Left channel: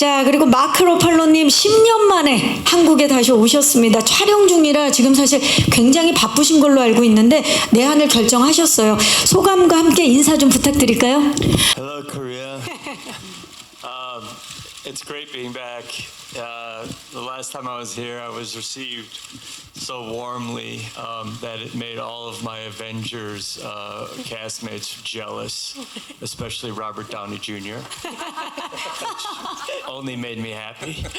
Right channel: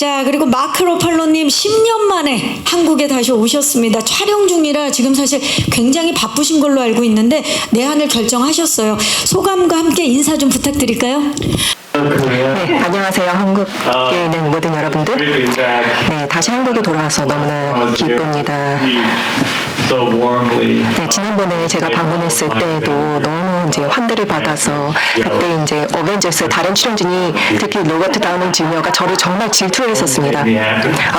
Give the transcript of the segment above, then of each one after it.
자, 그리고 마크 로팔로님 10년 만에 한국에 다시 오셨습니다. 촬영 중이라 지금 사실 굉장히 바쁘신 걸로 알고 있는데 내한을 결정하셨어요. 소감과 함께 인사 좀 부탁드릴까요? 네, 안녕하세요. 한국에 있는 모든 여러분들. 네, 다시 한국에 돌아와서 너무나 기쁩니다. 네, 지난번에 제가 방문했을 때도 너무 이제 환대를 받아서 그때 이제 어벤져스 다른 출연진이 특히 로버트 다우니 주니어가 저를 정말 질투했었습니다.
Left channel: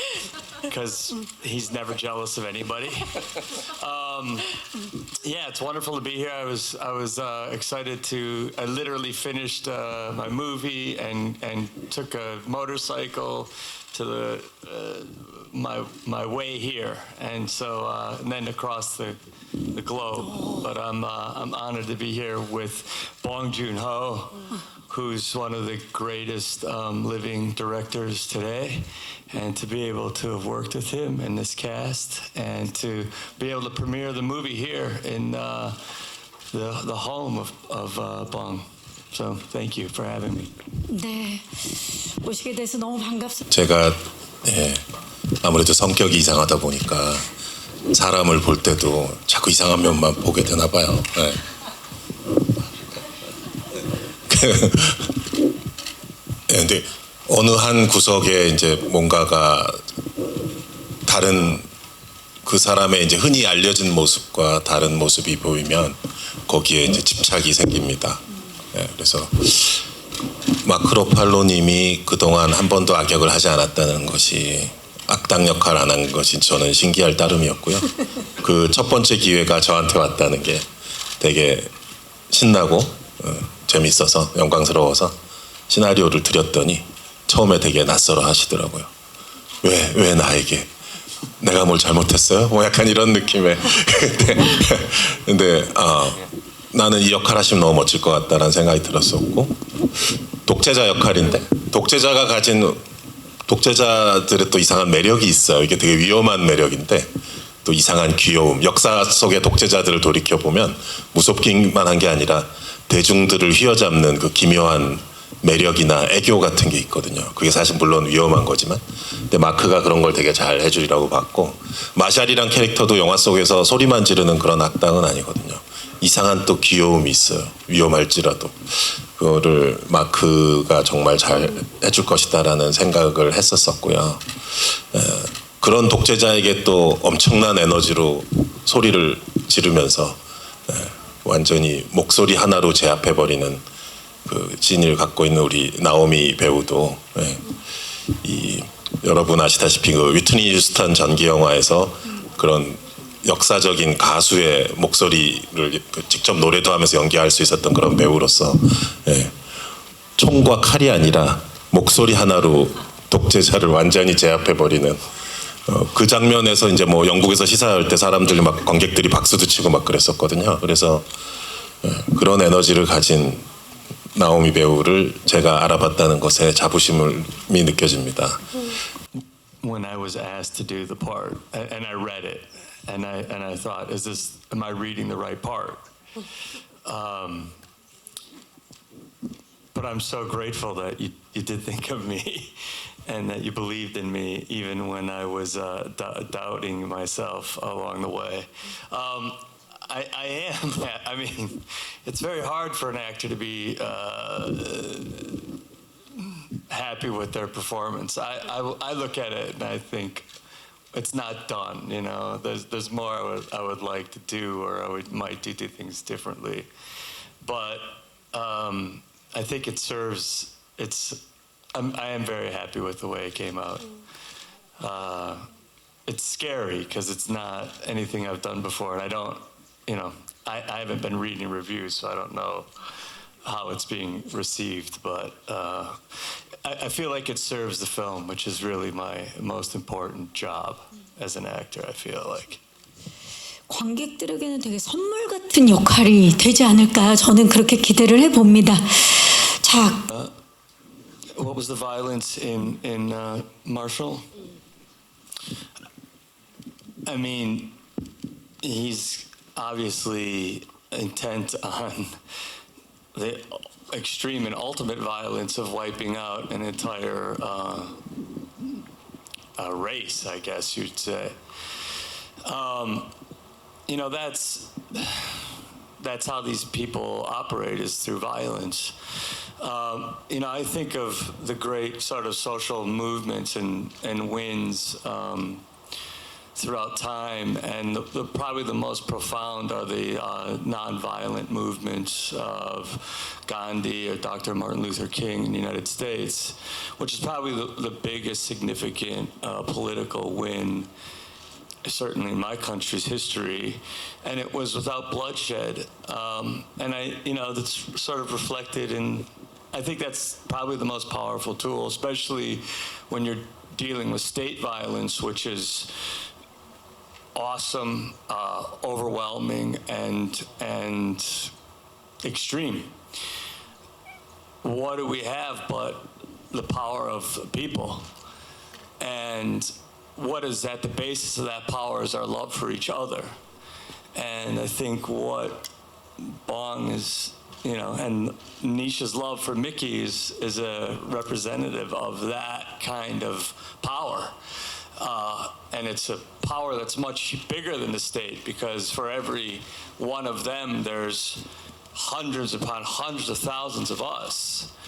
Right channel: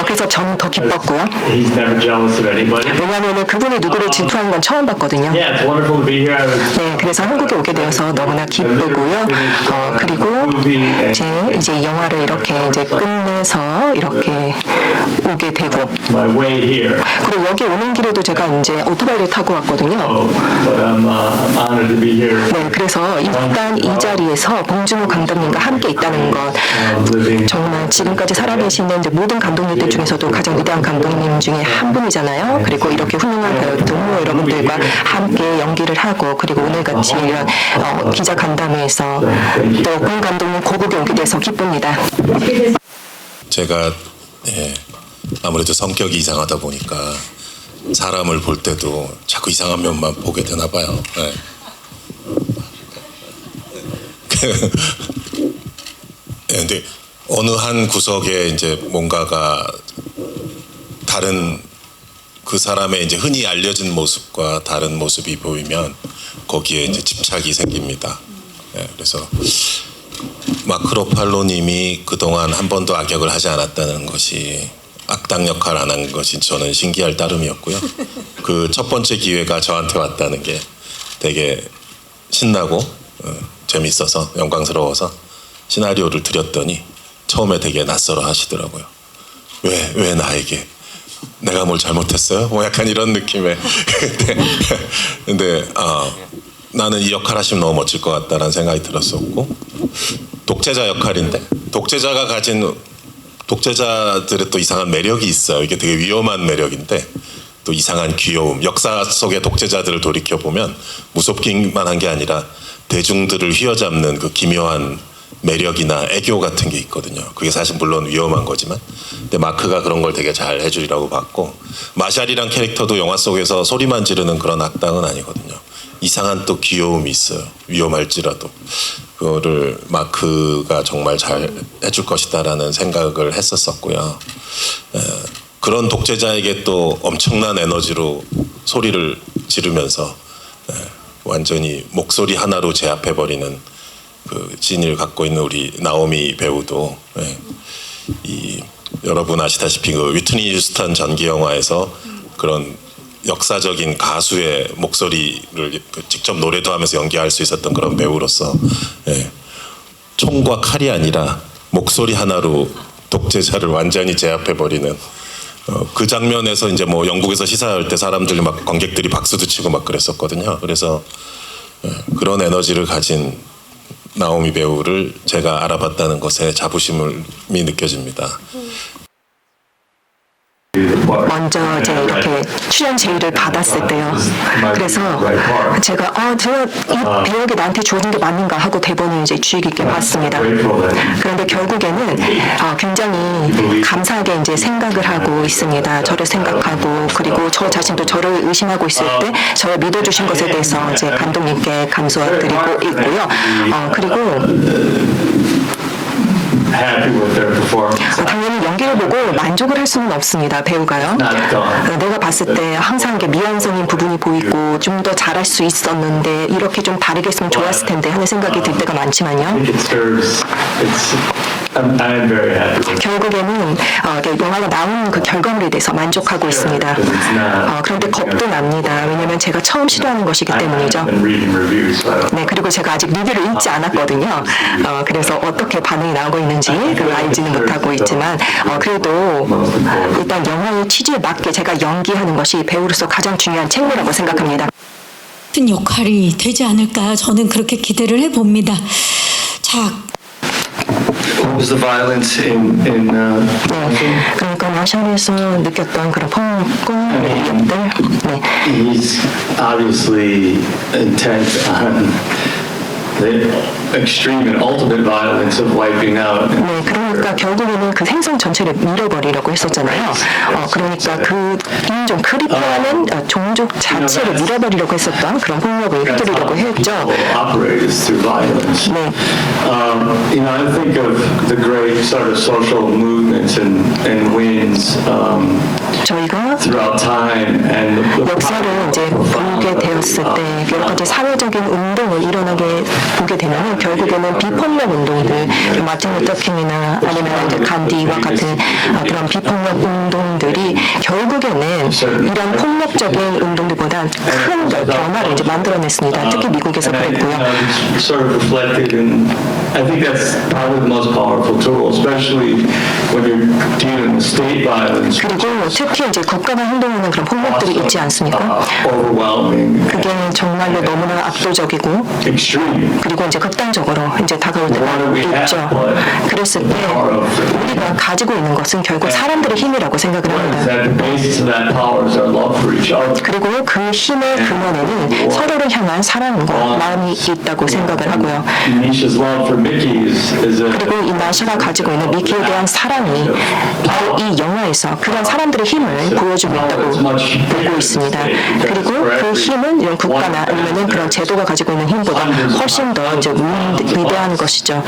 그래서 저는 더 기뻤고요. 왜냐하면 그분이 누구를 질투하는 건 처음 봤거든요. 네, 그래서 한국에 오게 되어서 너무나 기쁘고요. 그리고 이제 영화를 이렇게 이제 끝내서 이렇게 오게 되고 그리고 여기 오는 길에도 제가 이제 오토바이를 타고 왔거든요. 네, 그래서 일단 이 자리에서 봉준호 감독님과 함께 있다는 것 정말 지금까지 살아계시는 이제 모든 감독님들 중에서도 가장 위대한 감독님 중에 한 분이잖아요. 그리고 이렇게 훌륭한 배우 동료 여러분들과 함께 연기를 하고 그리고 오늘같이 이런 기자 간담회에서 또 권 감독님 고국에 오게 돼서 기쁩니다. 제가 아무래도 성격이 이상하다 보니까 사람을 볼 때도 자꾸 이상한 면만 보게 되나 봐요. 네. 근데 어느 한 구석에 이제 뭔가가 다른 그 사람의 이제 흔히 알려진 모습과 다른 모습이 보이면 거기에 이제 집착이 생깁니다. 네, 그래서 마크 로팔로님이 그동안 한 번도 악역을 하지 않았다는 것이 악당 역할 안 한 것이 저는 신기할 따름이었고요. 그 첫 번째 기회가 저한테 왔다는 게 되게 신나고 재밌어서 영광스러워서 시나리오를 드렸더니 처음에 되게 낯설어 하시더라고요. 왜 나에게? 내가 뭘 잘못했어요? 뭐 약간 이런 느낌의 근데 나는 이 역할 하시면 너무 멋질 것 같다는 생각이 들었었고 독재자 역할인데 독재자가 가진 독재자들의 또 이상한 매력이 있어요. 이게 되게 위험한 매력인데 또 이상한 귀여움. 역사 속의 독재자들을 돌이켜보면 무섭기만 한 게 아니라 대중들을 휘어잡는 그 기묘한 매력이나 애교 같은 게 있거든요. 그게 사실 물론 위험한 거지만 근데 마크가 그런 걸 되게 잘 해주리라고 봤고 마샬이란 캐릭터도 영화 속에서 소리만 지르는 그런 악당은 아니거든요. 이상한 또 귀여움이 있어요. 위험할지라도 그거를 마크가 정말 잘 해줄 것이다라는 생각을 했었었고요. 그런 독재자에게 또 엄청난 에너지로 소리를 지르면서 완전히 목소리 하나로 제압해버리는 그 진을 갖고 있는 우리 나오미 배우도 여러분 아시다시피 그 위트니 휴스턴 전기 영화에서 그런 역사적인 가수의 목소리를 직접 노래도 하면서 연기할 수 있었던 그런 배우로서 총과 칼이 아니라 목소리 하나로 독재자를 완전히 제압해버리는 그 장면에서 이제 뭐 영국에서 시사할 때 사람들이 막 관객들이 박수도 치고 막 그랬었거든요. 그래서 그런 에너지를 가진 나오미 배우를 제가 알아봤다는 것에 자부심이 느껴집니다. 먼저 이제 이렇게 출연 제의를 받았을 때요. 그래서 제가 이 배역이 나한테 주어진 게 맞는가 하고 대본을 이제 주의 깊게 봤습니다. 그런데 결국에는 굉장히 감사하게 이제 생각을 하고 있습니다. 저를 생각하고 그리고 저 자신도 저를 의심하고 있을 때 저를 믿어주신 것에 대해서 이제 감독님께 감사드리고 있고요. 그리고 당연히 연기를 보고 만족을 할 수는 없습니다. 배우가요. 내가 봤을 때 항상 미완성인 부분이 보이고 좀 더 잘할 수 있었는데 이렇게 좀 다르게 했으면 좋았을 텐데 하는 생각이 들 때가 많지만요. 결국에는 영화가 나오는 그 결과물에 대해서 만족하고 있습니다. 그런데 겁도 납니다. 왜냐하면 제가 처음 시도하는 것이기 때문이죠. 네, 그리고 제가 아직 리뷰를 읽지 않았거든요. 그래서 어떻게 반응이 나오고 있는지 그걸 알지는 못하고 있지만 그래도 일단 영화의 취지에 맞게 제가 연기하는 것이 배우로서 가장 중요한 책무라고 생각합니다. 같은 역할이 되지 않을까 저는 그렇게 기대를 해봅니다. 자. What was the violence in 그러니까 마샬에서 느꼈던 그런 폭력들. 네. He's obviously intent on extreme and ultimate violence of wiping out. 네, 그러니까 결국에는 그 행성 전체를 밀어버리려고 했었잖아요. 그러니까 그 인종 크리퍼하는 종족 자체를 밀어버리려고 했었던 그런 폭력을 휘두르려고 했죠. Operate is through violence. 네. I think of the great sort of social movements and wins 저희가 throughout time and the 역사를 이제 보게 되었을 때 여러 가지 사회적인 운동을 일어나게 보게 되면 결국에는 비폭력 운동들, 마틴 루터 킹이나 아니면 이제 간디와 같은 그런 비폭력 운동들이 결국에는 이런 폭력적인 운동들보다 큰 변화를 이제 만들어냈습니다. 특히 미국에서 그랬고요. sort of reflected in, I think that's probably the most powerful tool, especially when you're dealing with state violence. 그리고 특히 이제 국가가 행동하는 그런 폭력들이 있지 않습니까? Overwhelming, 그게 정말로 너무나 압도적이고 extreme. 그리고 이제 극단적으로 이제 다가올 때가 있죠. 그랬을 때 우리가 가지고 있는 것은 결국 사람들의 힘이라고 생각을 Is 합니다. that the basis of that power is our love for each other. 그리고 그 힘의 근원에는 서로를 향한 사랑과 마음이 있다고 생각을 하고요. Nisha's love for Mickey is a 그리고 이 나시가 가지고 있는 미키에 대한 사랑이 바로 이 영화에서 그런 사람들의 힘을 보여주고 있다고 보고 있습니다. 그리고 그 힘은 이런 국가나 아니면은 그런 제도가 가지고 있는 힘보다 훨씬 더 이제 위대한 것이죠.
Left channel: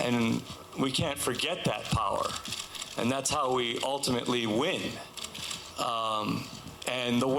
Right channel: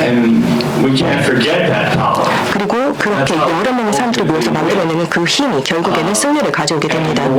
and we can't forget that power. 그리고 그렇게 여러 명의 사람들이 모여서 만들어내는 그 힘이 결국에는 승리를 가져오게 됩니다. The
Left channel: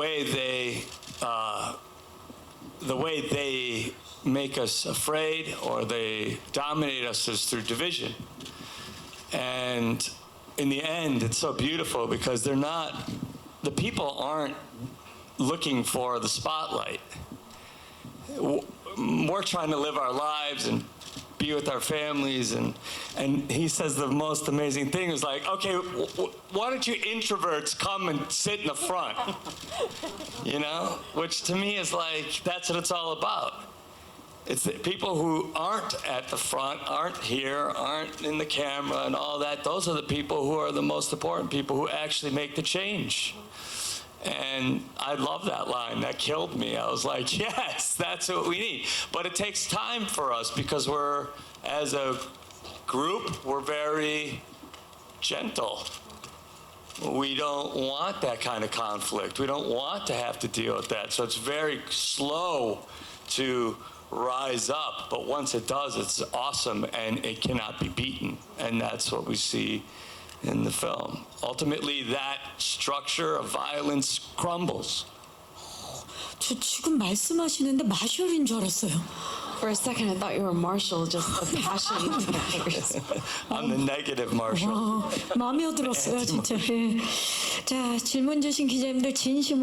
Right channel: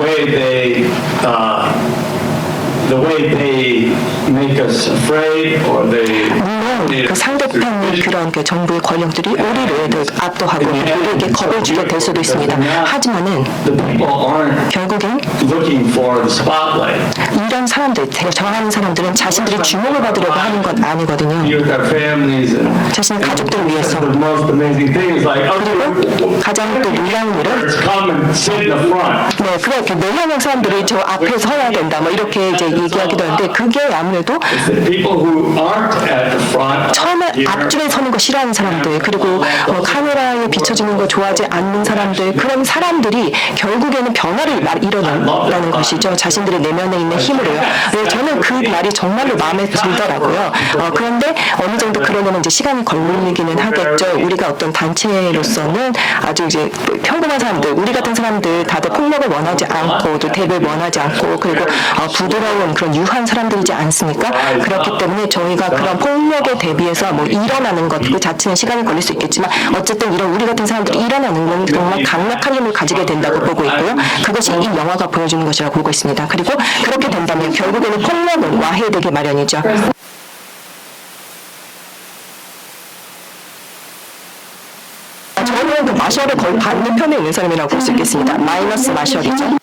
way they make us afraid or they 물론 그 상대편 그런 그 정부의 권력들이 우리를 압도하고 우리에게 겁을 주게 될 수도 있습니다. 하지만은 the people aren't 결국엔 looking for the spotlight. 이런 사람들, 정하는 사람들은 자신들이 주목을 받으려고 하는 건 아니거든요. Be with our families and 자신의 가족들 위해서. the most amazing thing is like, 그리고 가장 또 놀라운 일은 come and sit in the front. 네, 그렇게 몇몇 사람들이 저 앞에 서야 된다, 뭐 이렇게 이제 얘기하기도 하는데 그게 아무래도 The people who aren't at the front 처음에 앞줄에 서는 거 싫어하는 사람들, 그리고 카메라에 비춰지는 거 좋아하지 않는 사람들, 그런 사람들이 결국에는 변화를 일어난다는 것이죠. 자신들의 내면에 있는 힘으로요. 네, 저는 그 말이 정말로 마음에 들더라고요. 그런데 어느 정도 그러려면 이제 시간이 걸리기는 하겠죠. 우리가 어떤 단체로서는 아주 이제 평범한 사람들, 우리 같은 사람들 다들 폭력을 원하지 않고 또 대를 원하지 않고 그리고 부드러운 그런 유한 사람들이지 않습니까? 그렇기 때문에 저희가 그런 폭력에 대비해서 뭐 일어나는 것 그 자체는 시간이 걸릴 수 있겠지만 어쨌든 이런 우리 같은 사람들이 일어나는 건 정말 강력한 힘을 가지게 된다고 보고 있고요. 그것이 이 영화가 보여주는 것이라고 보고 있습니다. 그리고 그렇게 된다면 결국에는 폭력은 와해되기 마련이죠. 저는 그 마셜의 거의 반대편에 있는 사람이라고 볼 수 있겠습니다. 마이너스 마셜이죠.